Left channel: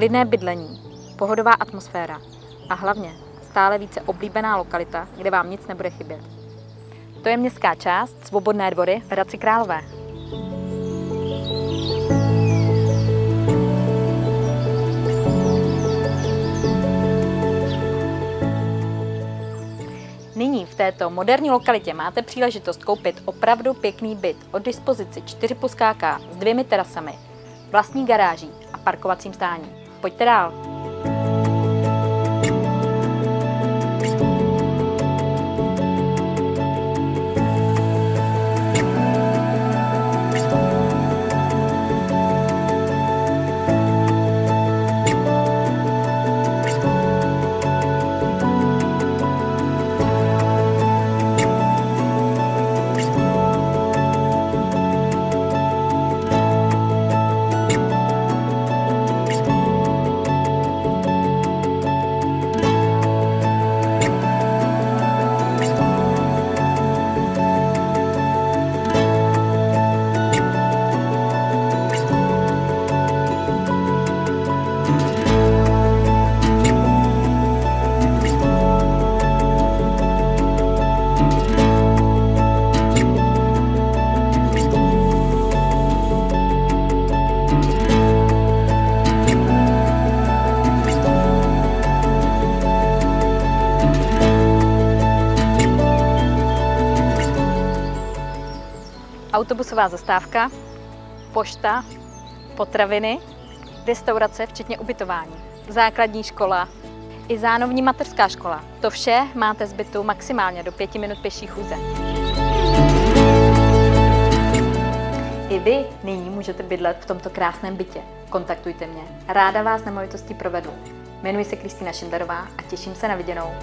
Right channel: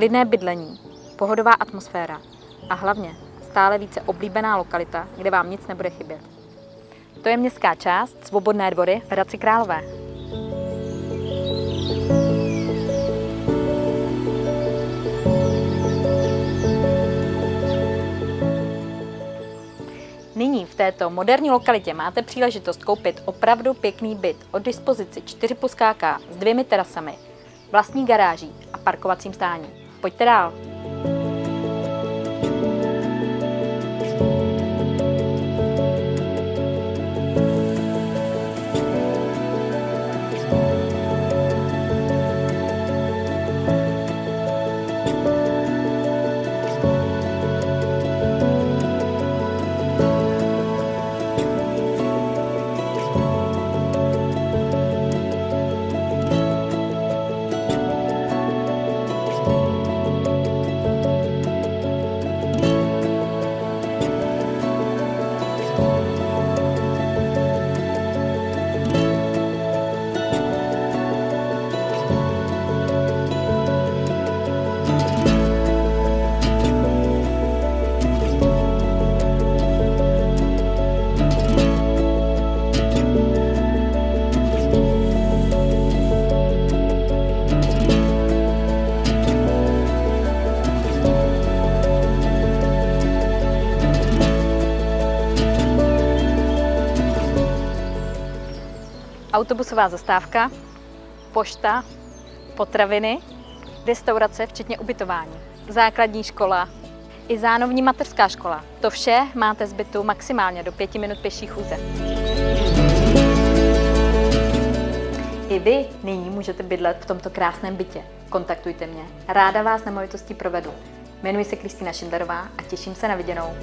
klidné bydlení, pohodová atmosféra a hlavně stále více oblíbená lokalita, kde vám nic nebude chybět. To je městská část Svobodné dvory v Hradci Králové. Nyní v této moderní lokalitě máte příležitost koupit opravdu pěkný byt o dispozici 4+KK s 2 terasami, vlastní garáží a parkovacím stáním. Pojďte dál! Autobusová zastávka, pošta, potraviny, restaurace včetně ubytování, základní škola i zánovní mateřská škola. To vše máte z bytu maximálně do 5 minut pěší chůze. I vy nyní můžete bydlet v tomto krásném bytě. Kontaktujte mě, ráda vás nemovitostí provedu. Jmenuji se Kristýna Šindlerová a těším se na viděnou.